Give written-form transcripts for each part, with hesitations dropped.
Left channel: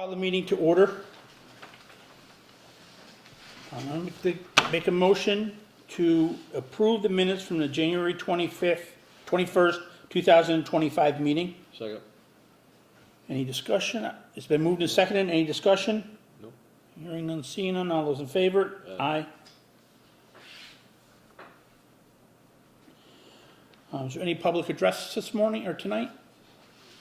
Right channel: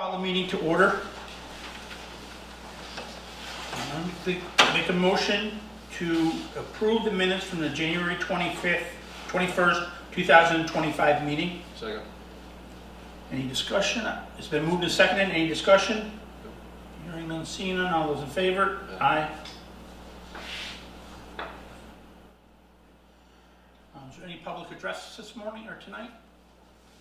Call the meeting to order. Make a motion to approve the minutes from the January 21st, 2025 meeting. Second. Any discussion? It's been moved and seconded. Any discussion? Hearing none, seeing none. All those in favor? Aye. Is there any public address this morning or tonight?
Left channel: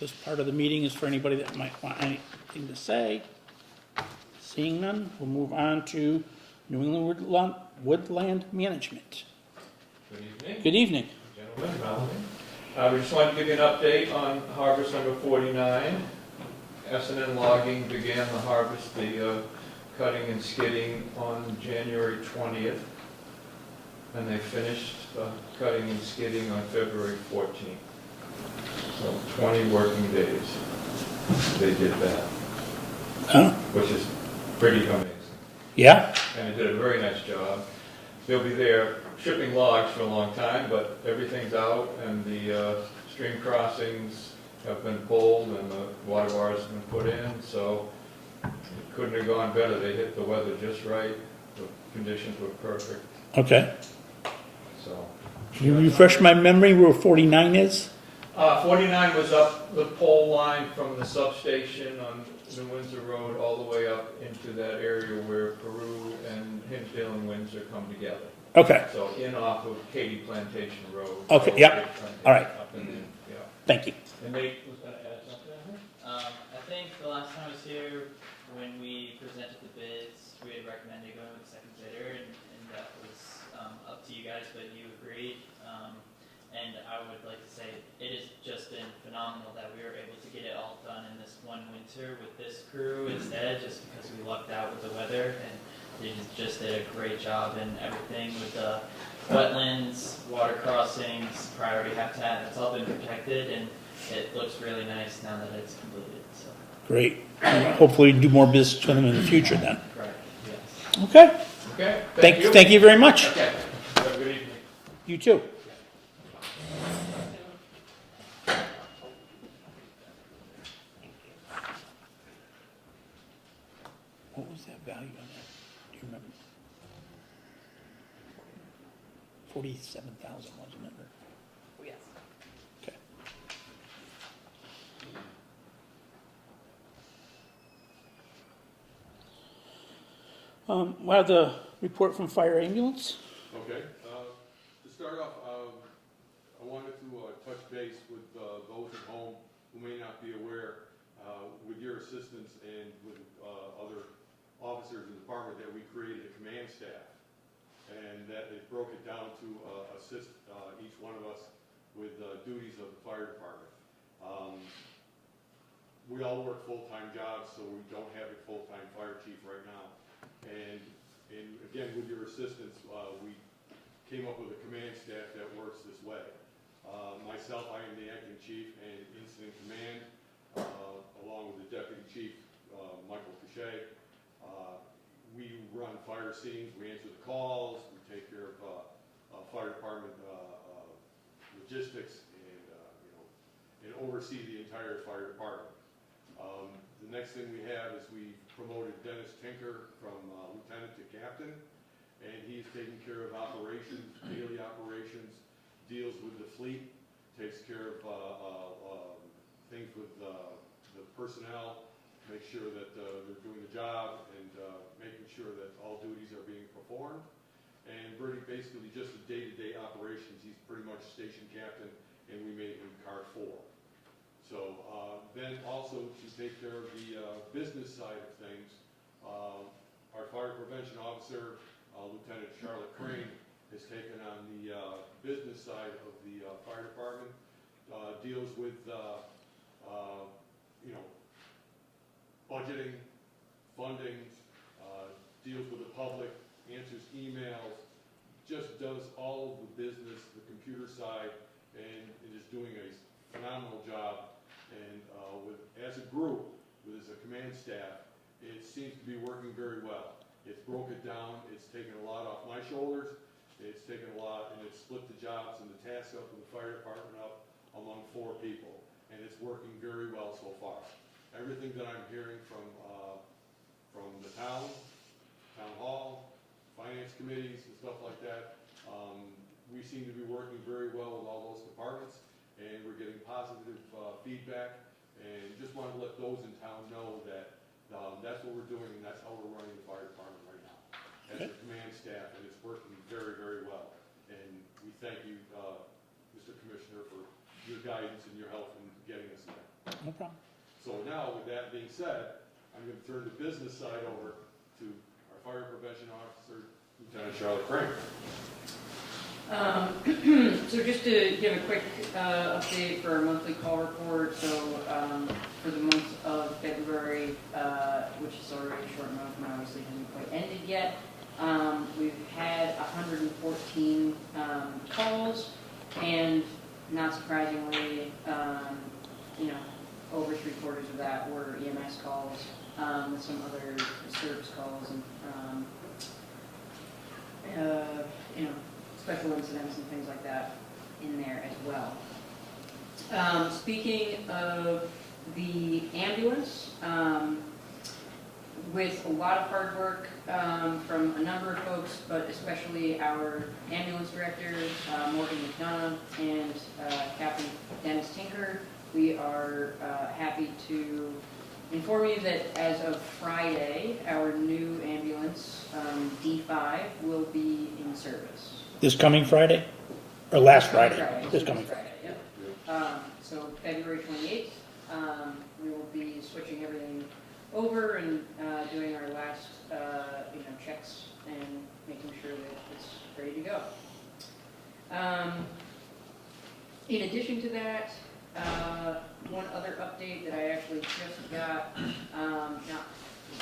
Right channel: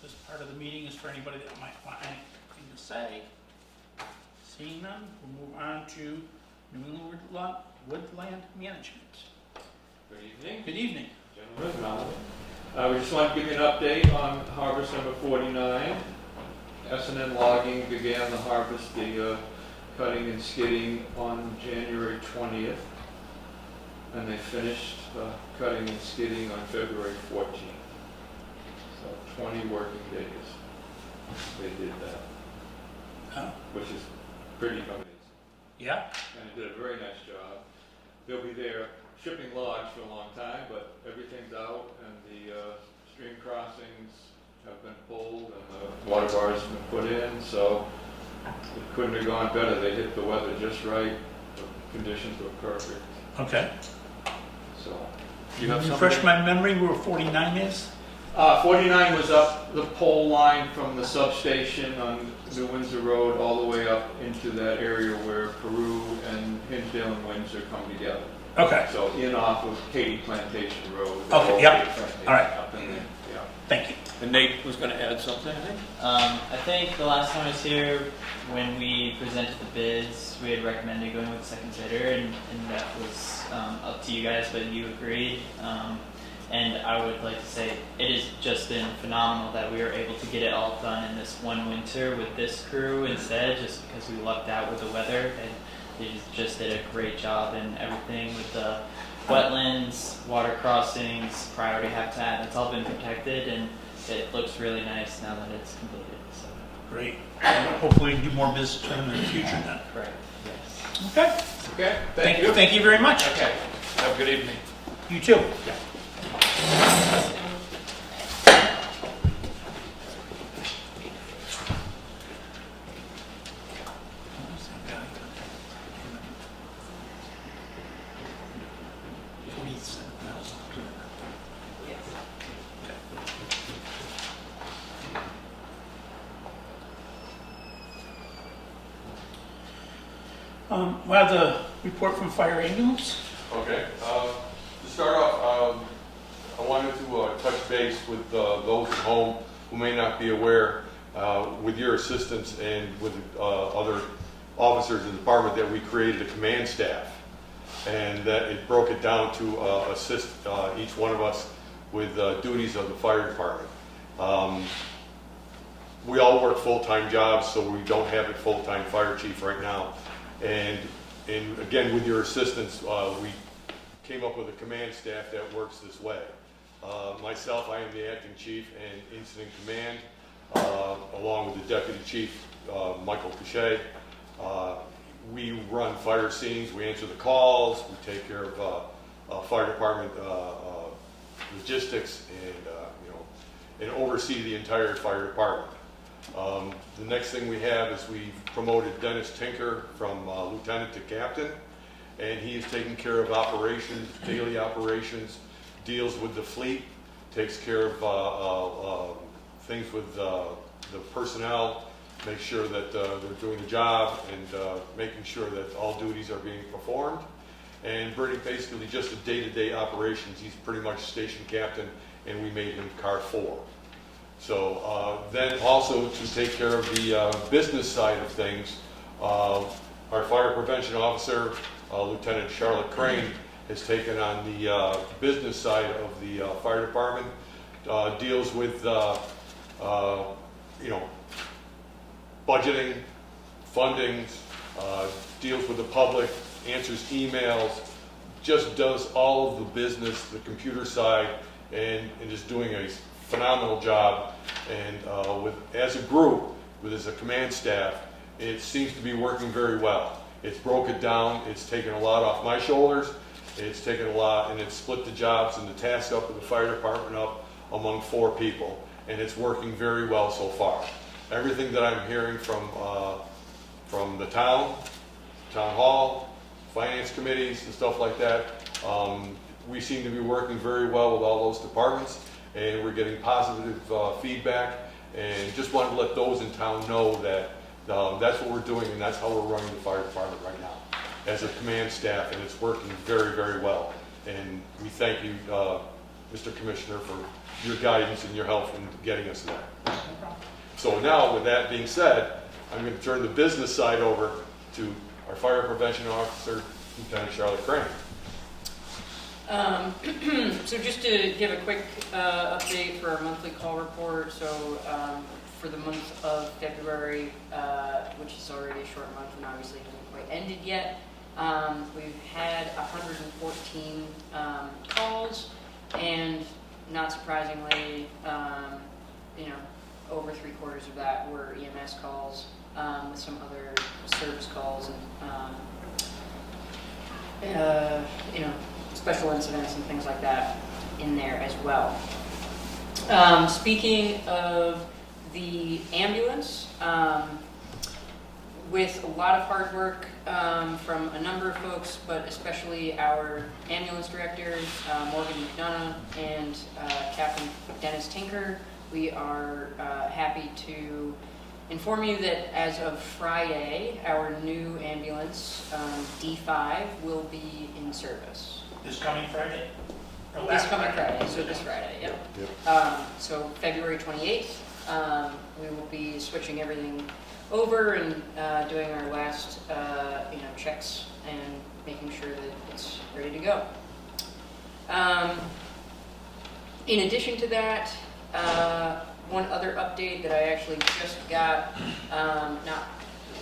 This part of the meeting is for anybody that might want anything to say. Seeing none, we'll move on to New England Woodland Management. Good evening. Good evening. Gentlemen, we just want to give you an update on harvest number 49. S&N Logging began the harvest, the cutting and skidding on January 20th. And they finished cutting and skidding on February 14th. So 20 working days they did that, Huh? which is pretty amazing. Yeah? And they did a very nice job. They'll be there shipping logs for a long time, but everything's out and the stream crossings have been pulled and the water bars have been put in, so it couldn't have gone better. They hit the weather just right. The conditions were perfect. Okay. So. Can you refresh my memory where 49 is? 49 was up the pole line from the substation on New Windsor Road all the way up into that area where Peru and Hinsdale and Windsor come together. Okay. So in off of Katy Plantation Road. Okay, yep. All right. Up in there, yeah. Thank you. And Nate was going to add something, I think? I think the last time I was here, when we presented the bids, we had recommended going with the second bidder, and that was up to you guys, but you agreed. And I would like to say it has just been phenomenal that we were able to get it all done in this one winter with this crew instead, just because we lucked out with the weather, and they just did a great job in everything with the wetlands, water crossings, priority habitat. It's all been protected, and it looks really nice now that it's completed. So. Great. Hopefully we do more business with them in the future then. Right. Yes. Okay. Okay, Thank you very much. Okay, have a good evening. You too. We'll have the report from fire ambulance. Okay, to start off, I wanted to touch base with those at home who may not be aware, with your assistance and with other officers in the department, that we created a command staff, and that it broke it down to assist each one of us with duties of the fire department. We all work full-time jobs, so we don't have a full-time fire chief right now. And again, with your assistance, we came up with a command staff that works this way. Myself, I am the acting chief and incident command, along with the deputy chief, Michael Cachet. We run fire scenes, we answer the calls, we take care of fire department logistics, and oversee the entire fire department. The next thing we have is we promoted Dennis Tinker from lieutenant to captain, and he is taking care of operations, daily operations, deals with the fleet, takes care of things with the personnel, makes sure that they're doing the job, and making sure that all duties are being performed, and basically just the day-to-day operations. He's pretty much station captain, and we made him car 4. So then also to take care of the business side of things, our fire prevention officer, Lieutenant Charlotte Crane, has taken on the business side of the fire department, deals with budgeting, funding, deals with the public, answers emails, just does all of the business, the computer side, and is doing a phenomenal job. And as a group, as a command staff, it seems to be working very well. It's broke it down, it's taken a lot off my shoulders, it's taken a lot, and it's split the jobs and the tasks up of the fire department up among 4 people, and it's working very well so far. everything that I'm hearing from the town hall, finance committees and stuff like that, we seem to be working very well with all those departments, and we're getting positive feedback, and just wanted to let those in town know that that's what we're doing, and that's how we're running the fire department right now as a command staff, and it's working very, very well. And we thank you, Mr. Commissioner, for your guidance and your help in getting us there. So now, with that being said, I'm going to turn the business side over to our Fire Prevention Officer, Lieutenant Charlotte Crane. So just to give a quick update for our monthly call report, so for the month of February, which is already a short month and obviously hasn't quite ended yet, we've had 114 calls, and not surprisingly, over 3/4 of that were EMS calls, with some other service calls and special incidents and things like that in there as well. Speaking of the ambulance, with a lot of hard work from a number of folks, but especially our ambulance directors, Morgan McDonough and Captain Dennis Tinker, we are happy to inform you that as of Friday, our new ambulance, D5, will be in service. This coming Friday? Or last This coming Friday? So this Friday, yep. So February 28th, we will be switching everything over and doing our last, checks and making sure that it's ready to go. In addition to that, one other update that I actually just got not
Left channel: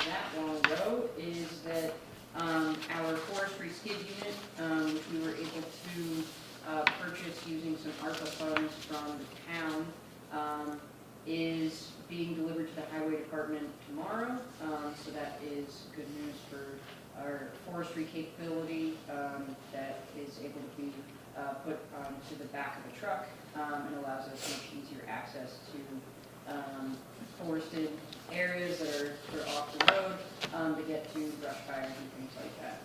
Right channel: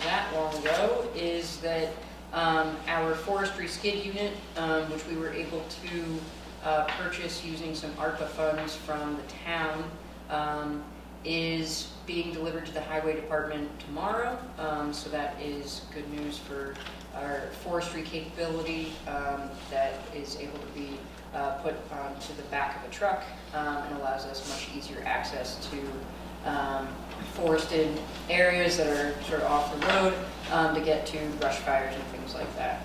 that long ago is that our forestry skid unit, which we were able to purchase using some ARPA funds from the town, is being delivered to the highway department tomorrow. So that is good news for our forestry capability that is able to be put onto the back of a truck and allows us much easier access to forested areas that are sort of off the road to get to brush fires and things like that.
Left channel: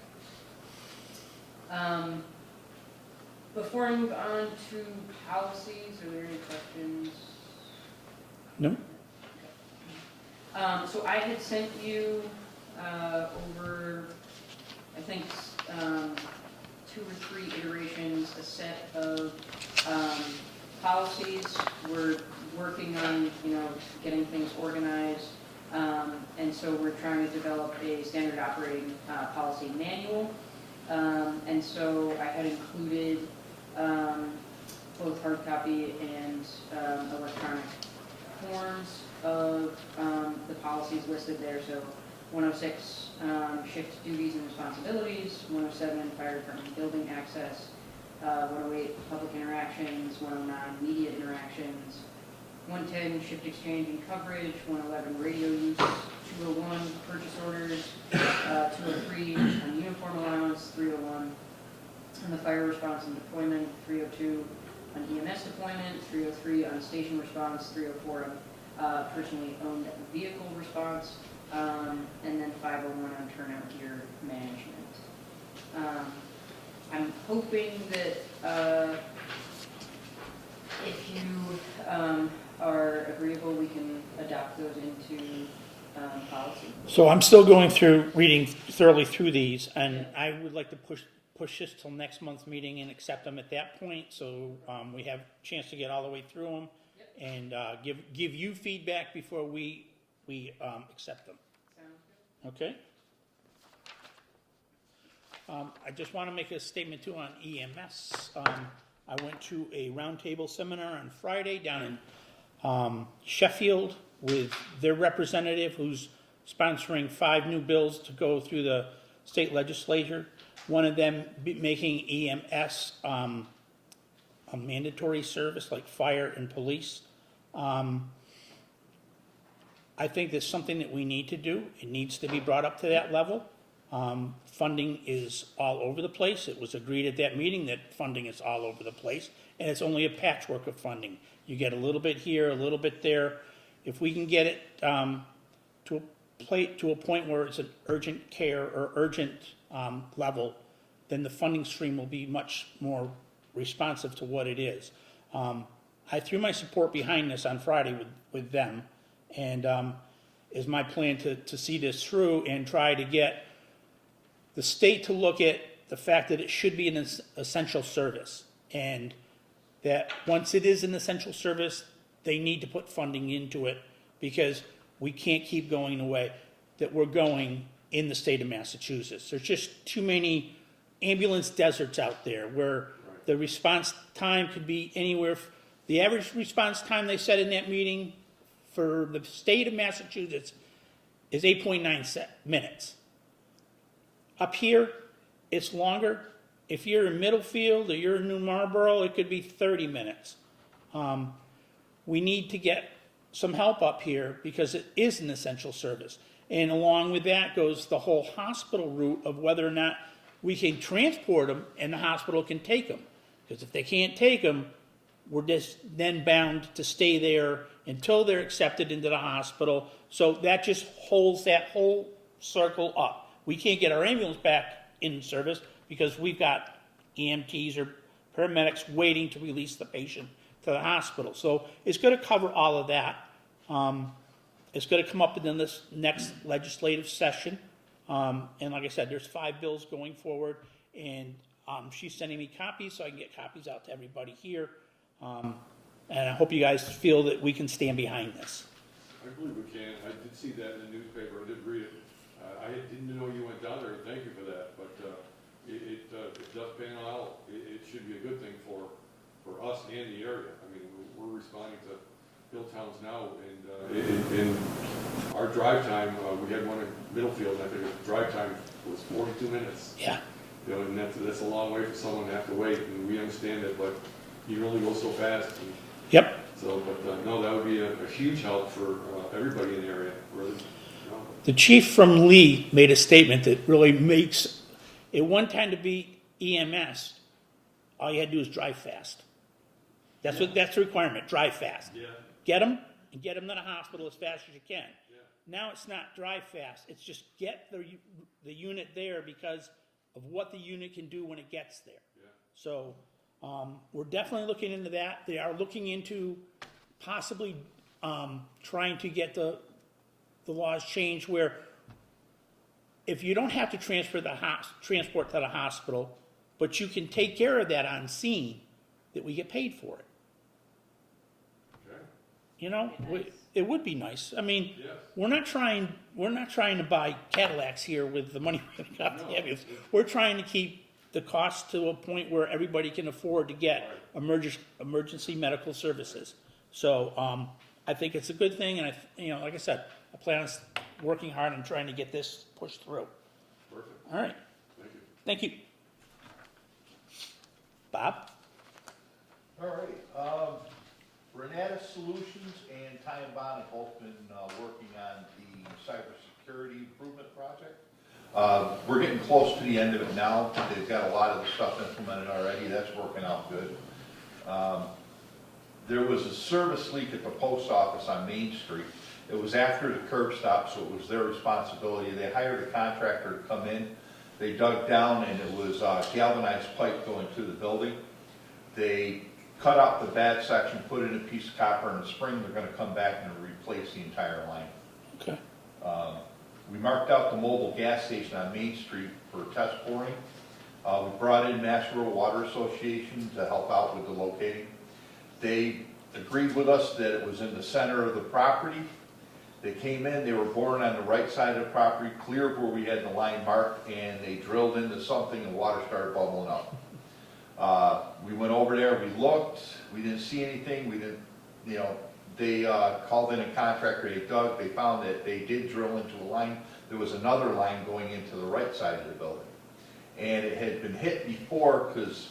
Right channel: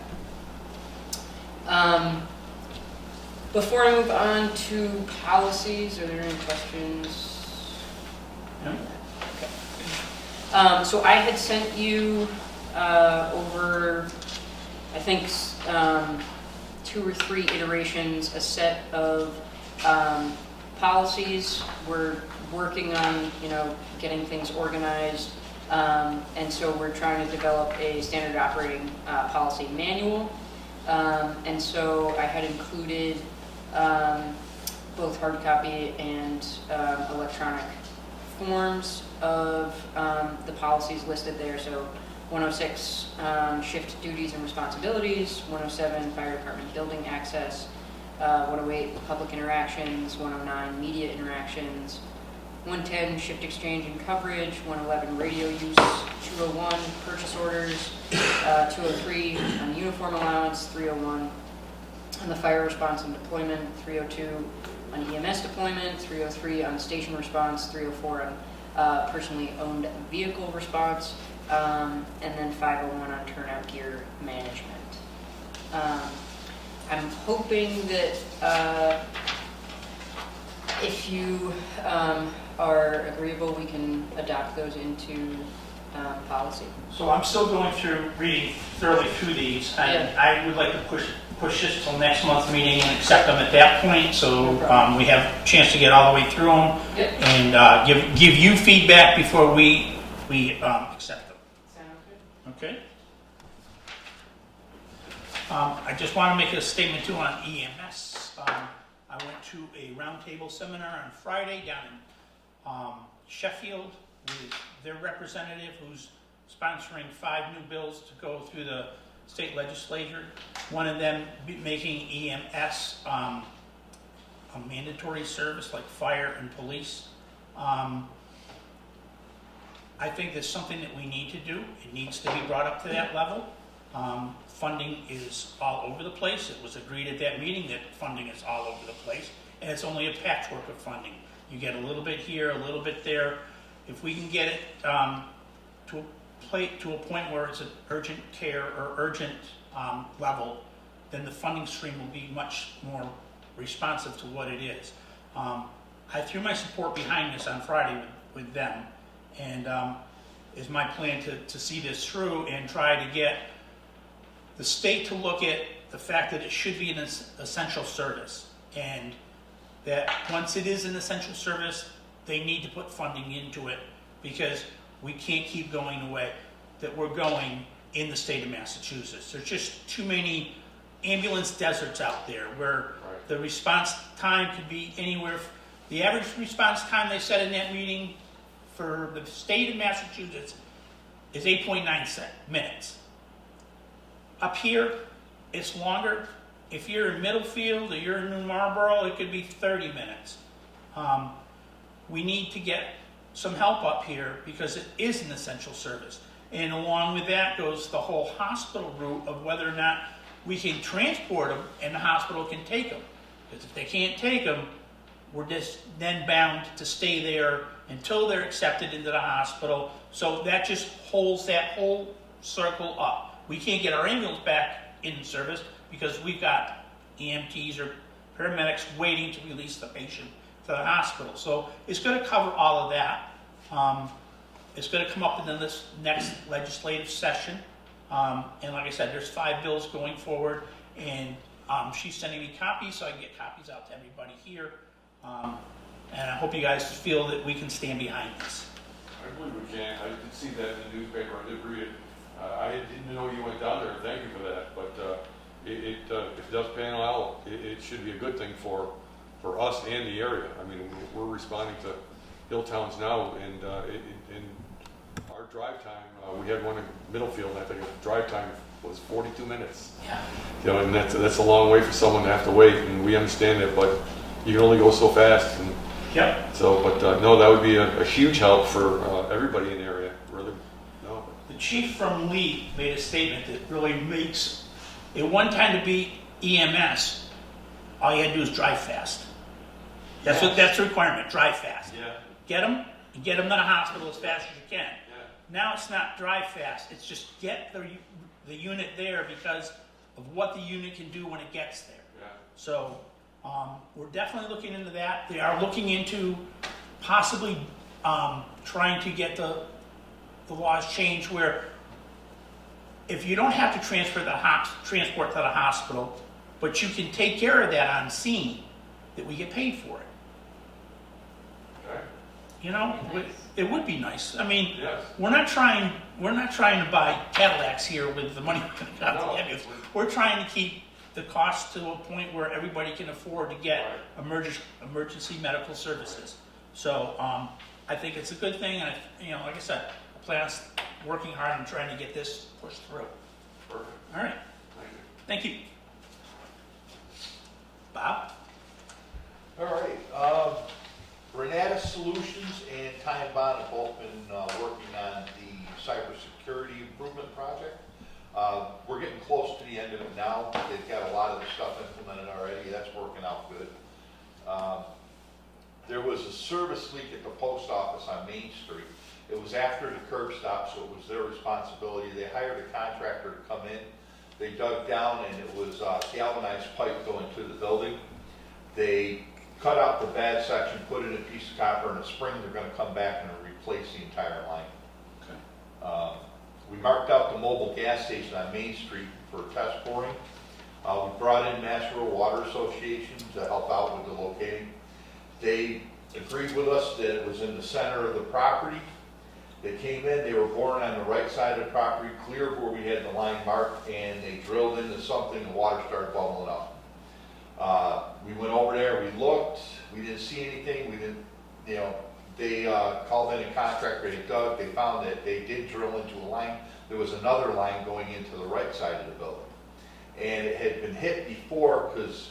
Before I move on to policies, are there any questions? No. Okay. So I had sent you over, I think, 2 or 3 iterations, a set of policies. We're working on, getting things organized, and so we're trying to develop a standard operating policy manual. And so I had included both hard copy and electronic forms of the policies listed there. So 106, shift duties and responsibilities, 107, fire department building access, 108, public interactions, 109, media interactions, 110, shift exchange and coverage, 111, radio use, 201, purchase orders, 203, on uniform allowance, 301, on the fire response and deployment, 302, on EMS deployment, 303, on station response, 304, on personally owned vehicle response, and then 501 on turnout gear management. I'm hoping that if you are agreeable, we can adopt those into policy. So I'm still going through, reading thoroughly through these, and I would like to push this till next month's meeting and accept them at that point, so we have a chance to get all the way through them, and give you feedback before we accept them. Sound good? Okay? I just want to make a statement too on EMS. I went to a roundtable seminar on Friday down in Sheffield with their representative who's sponsoring 5 new bills to go through the state legislature. One of them making EMS a mandatory service like fire and police. I think that's something that we need to do. It needs to be brought up to that level. Funding is all over the place. It was agreed at that meeting that funding is all over the place, and it's only a patchwork of funding. You get a little bit here, a little bit there. if we can get it to a point where it's an urgent care or urgent level, then the funding stream will be much more responsive to what it is. I threw my support behind this on Friday with them, and is my plan to see this through and try to get the state to look at the fact that it should be an essential service, and that once it is an essential service, they need to put funding into it, because we can't keep going the way that we're going in the state of Massachusetts. There's just too many ambulance deserts out there where the response time could be anywhere. The average response time, they said in that meeting, for the state of Massachusetts is 8.9 minutes. Up here, it's longer. If you're in Middlefield or you're in New Marlboro, it could be 30 minutes. We need to get some help up here because it is an essential service. And along with that goes the whole hospital route of whether or not we can transport them and the hospital can take them. Because if they can't take them, we're just then bound to stay there until they're accepted into the hospital. So that just holds that whole circle up. We can't get our ambulance back in service because we've got EMTs or paramedics waiting to release the patient to the hospital. So it's going to cover all of that. It's going to come up within this next legislative session. And like I said, there's 5 bills going forward, and she's sending me copies so I can get copies out to everybody here. And I hope you guys feel that we can stand behind this. I believe we can. I did see that in the newspaper. I did read it. I didn't know you went down there. Thank you for that. But if it does pan out, it should be a good thing for us and the area. I mean, we're responding to hill towns now, and in our drive time, we had one in Middlefield. I think the drive time was 42 minutes. Yeah. You know, and that's a long way for someone to have to wait, and we understand that, but you can only go so fast. And Yep. so, but no, that would be a huge help for everybody in the area, really. No. The chief from Lee made a statement that really makes it one time to be EMS. All you had to do is drive fast. That's the requirement. Drive fast. Yeah. Get them and get them to the hospital as fast as you can. Yeah. Now it's not drive fast. It's just get the unit there because of what the unit can do when it gets there. Yeah. So we're definitely looking into that. They are looking into possibly trying to get the laws changed where if you don't have to transport to the hospital, but you can take care of that on scene, that we get paid for it. Okay. You know, it would be nice. I mean, Yes. we're not trying to buy Cadillacs here with the money we got No. to give you. We're trying to keep the cost to a point where everybody can afford to get emergency medical services. So I think it's a good thing, and like I said, I plan on working hard and trying to get this pushed through. Perfect. All right, Thank you. thank you. Bob? All right, Renatus Solutions and Tighe have both been working on the cybersecurity improvement project. We're getting close to the end of it now. They've got a lot of the stuff implemented already. That's working out good. There was a service leak at the post office on Main Street. It was after the curb stop, so it was their responsibility. They hired a contractor to come in. They dug down, and it was galvanized pipe going to the building. They cut out the bad section, put in a piece of copper and a spring. They're going to come back and replace the entire line. Okay. We marked out the mobile gas station on Main Street for test boring. We brought in Mass Rural Water Association to help out with the locating. They agreed with us that it was in the center of the property. They came in, they were boring on the right side of the property, cleared where we had the line marked, and they drilled into something, and water started bubbling up. We went over there, we looked, we didn't see anything, they called in a contractor, they dug, they found that they did drill into a line. There was another line going into the right side of the building. And it had been hit before because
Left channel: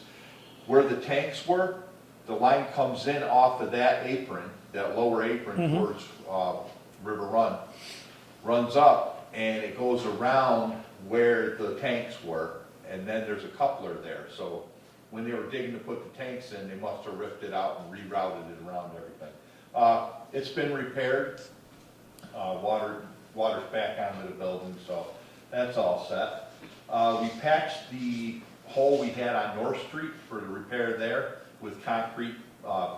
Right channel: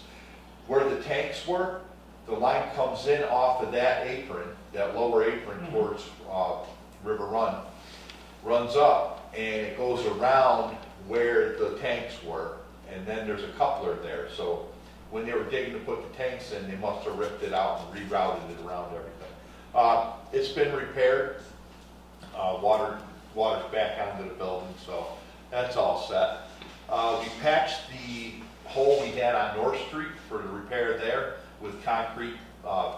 where the tanks were, the line comes in off of that apron, that lower apron towards River Run, runs up, and it goes around where the tanks were, and then there's a coupler there. So when they were digging to put the tanks in, they must have ripped it out and rerouted it around everything. It's been repaired. Water's back onto the building, so that's all set. We patched the hole we had on North Street for the repair there with concrete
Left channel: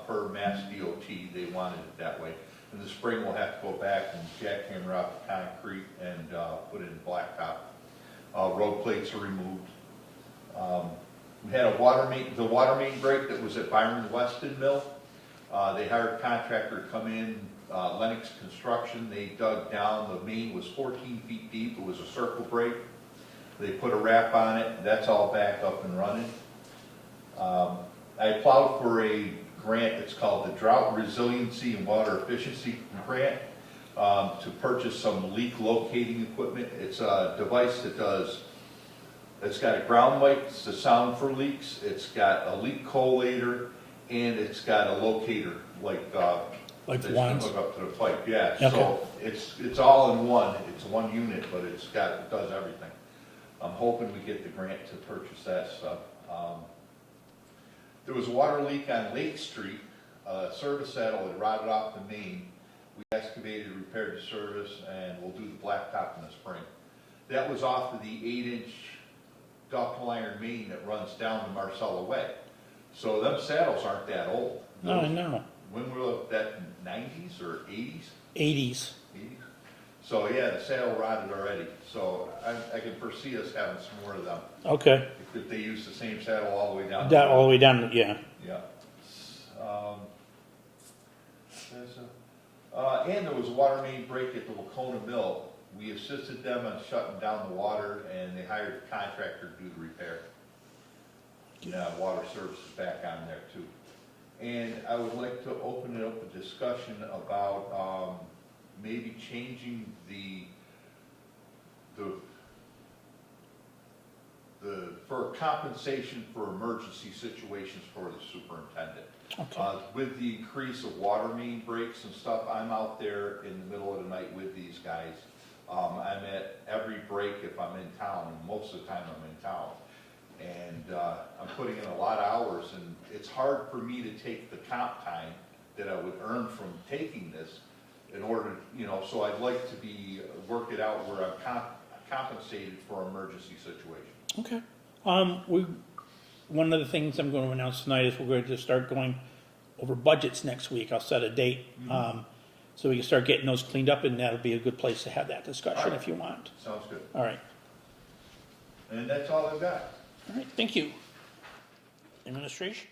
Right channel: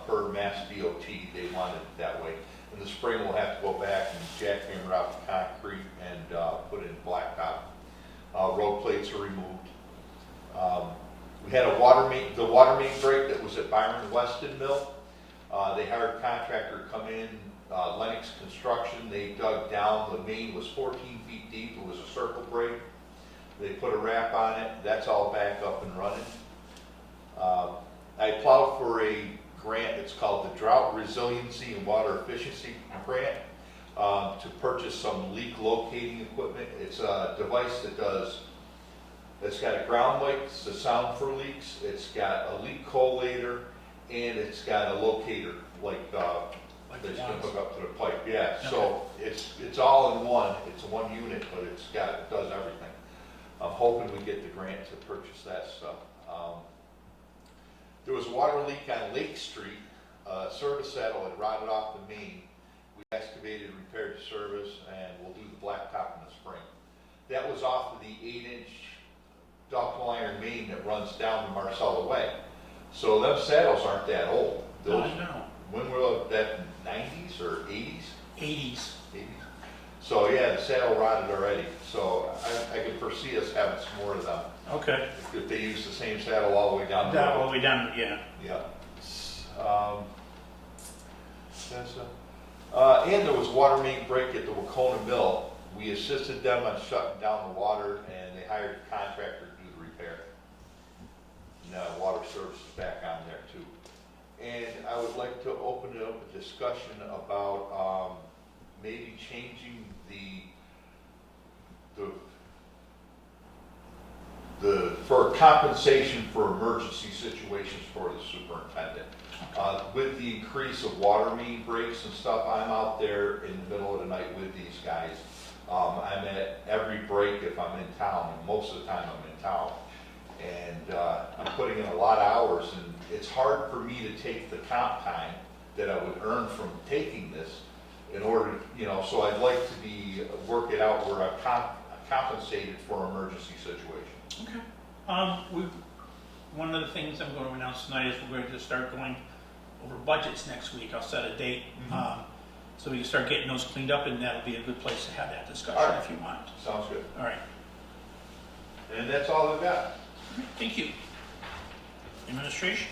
per Mass DOT. They wanted it that way. In the spring, we'll have to go back and jackhammer out the concrete and put in blacktop. Road plates are removed. We had the water main break that was at Byron Weston Mill. They hired a contractor to come in, Lennox Construction. They dug down, the main was 14 feet deep, it was a circle break. They put a wrap on it, that's all back up and running. I applied for a grant, it's called the Drought Resiliency and Water Efficiency Grant, to purchase some leak locating equipment. It's a device it's got a ground mic to sound for leaks, it's got a leak collator, and it's got a locator, like that you can wands? hook up to the pipe, yeah. Okay. So it's all in one, it's one unit, but it does everything. I'm hoping we get the grant to purchase that stuff. There was a water leak on Lake Street, service saddle had rotted off the main. We excavated, repaired the service, and we'll do the blacktop in the spring. That was off of the 8-inch ductile iron main that runs down to Marcella Way. So them saddles aren't that old. No, I know. When were that, 90s or 80s? 80s. 80s? So yeah, the saddle rotted already. So I can foresee us having some more of them. Okay. If they use the same saddle all the way down. That all the way down, yeah. Yeah. And there was a water main break at the Wacona Mill. We assisted them on shutting down the water, and they hired a contractor to do the repair. Water service is back on there too. And I would like to open up a discussion about maybe changing for compensation for emergency situations for the superintendent. Okay. With the increase of water main breaks and stuff, I'm out there in the middle of the night with these guys. I'm at every break if I'm in town, and most of the time I'm in town. And I'm putting in a lot of hours, and it's hard for me to take the comp time that I would earn from taking this in order, so I'd like to work it out where I'm compensated for emergency situations. Okay. One of the things I'm going to announce tonight is we're going to start going over budgets next week. I'll set a date, so we can start getting those cleaned up, and that'll be a good place to have that discussion All right. if you want. Sounds good. All right. And that's all I've got. All right. Thank you. Administration?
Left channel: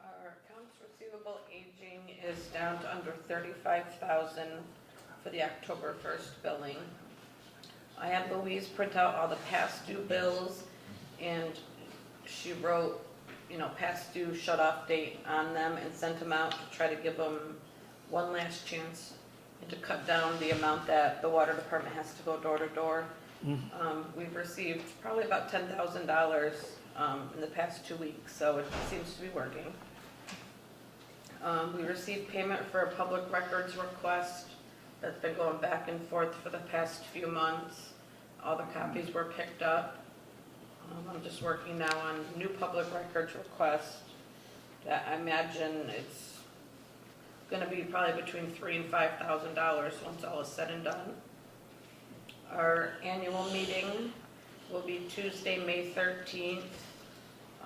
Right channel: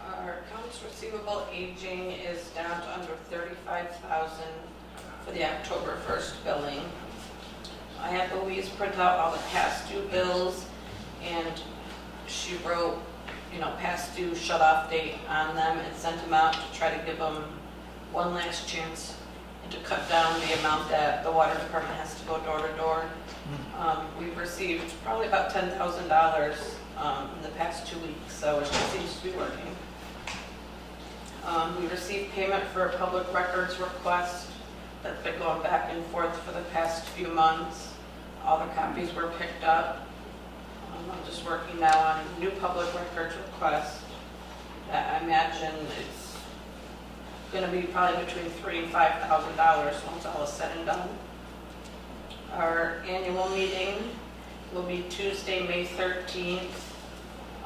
Our accounts receivable aging is down to under 35,000 for the October 1st billing. I had Louise print out all the past due bills, and she wrote, past due shut-off date on them and sent them out to try to give them one last chance and to cut down the amount that the water department has to go door to door. We've received probably about $10,000 in the past 2 weeks, so it just seems to be working. We received payment for a public records request that's been going back and forth for the past few months. All the copies were picked up. I'm just working now on new public records request. I imagine it's going to be probably between $3,000 and $5,000 once all is said and done. Our annual meeting will be Tuesday, May 13th.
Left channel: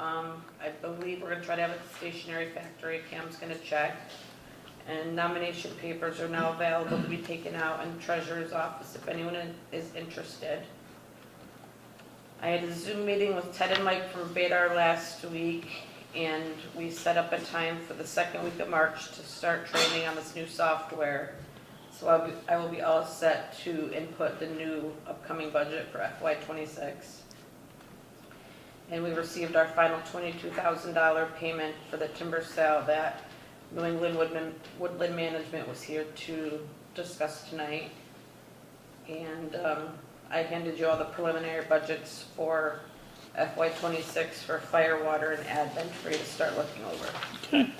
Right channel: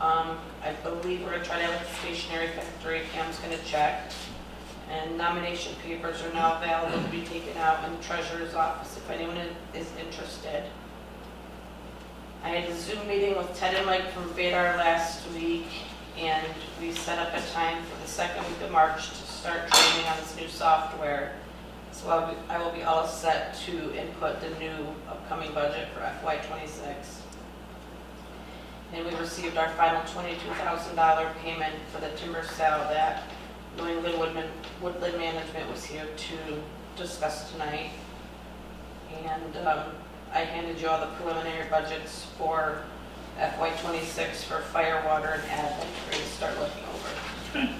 I believe we're going to try to have a stationery factory. Cam's going to check. And nomination papers are now available to be taken out in the treasurer's office if anyone is interested. I had a Zoom meeting with Ted and Mike from Vadar last week, and we set up a time for the second week of March to start trading on this new software. So I will be all set to input the new upcoming budget for FY26. And we received our final $22,000 payment for the timber sale that New England Woodland Management was here to discuss tonight. And I handed you all the preliminary budgets for FY26 for fire, water, and admin for you to start looking over. Okay.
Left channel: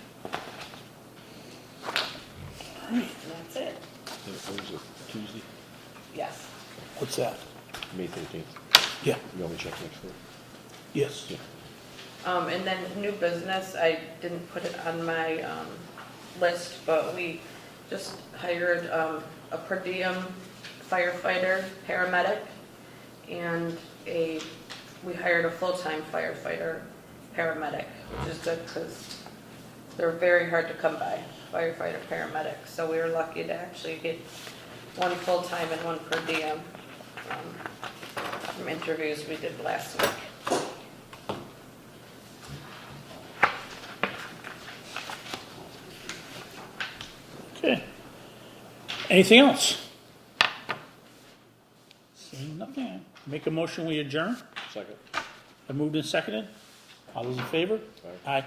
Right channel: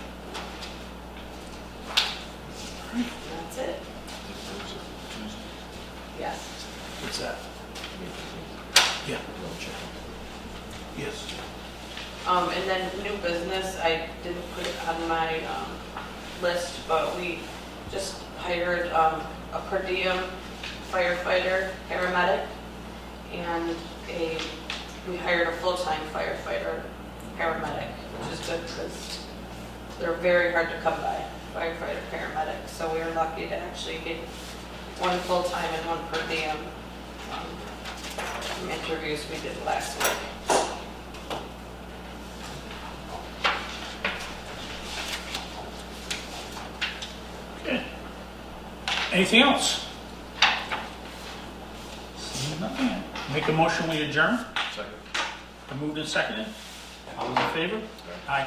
And that's it. Yes. What's that? May 13th. Yeah. You want to check in for? Yes. And then new business, I didn't put it on my list, but we just hired a per diem firefighter, paramedic, and we hired a full-time firefighter, paramedic, which is good because they're very hard to come by, firefighter, paramedic. So we were lucky to actually get one full-time and one per diem from interviews we did last week. Okay. Anything else? Seeing nothing. Make a motion, we adjourn. Second. Moved and seconded. All those in favor? Aye.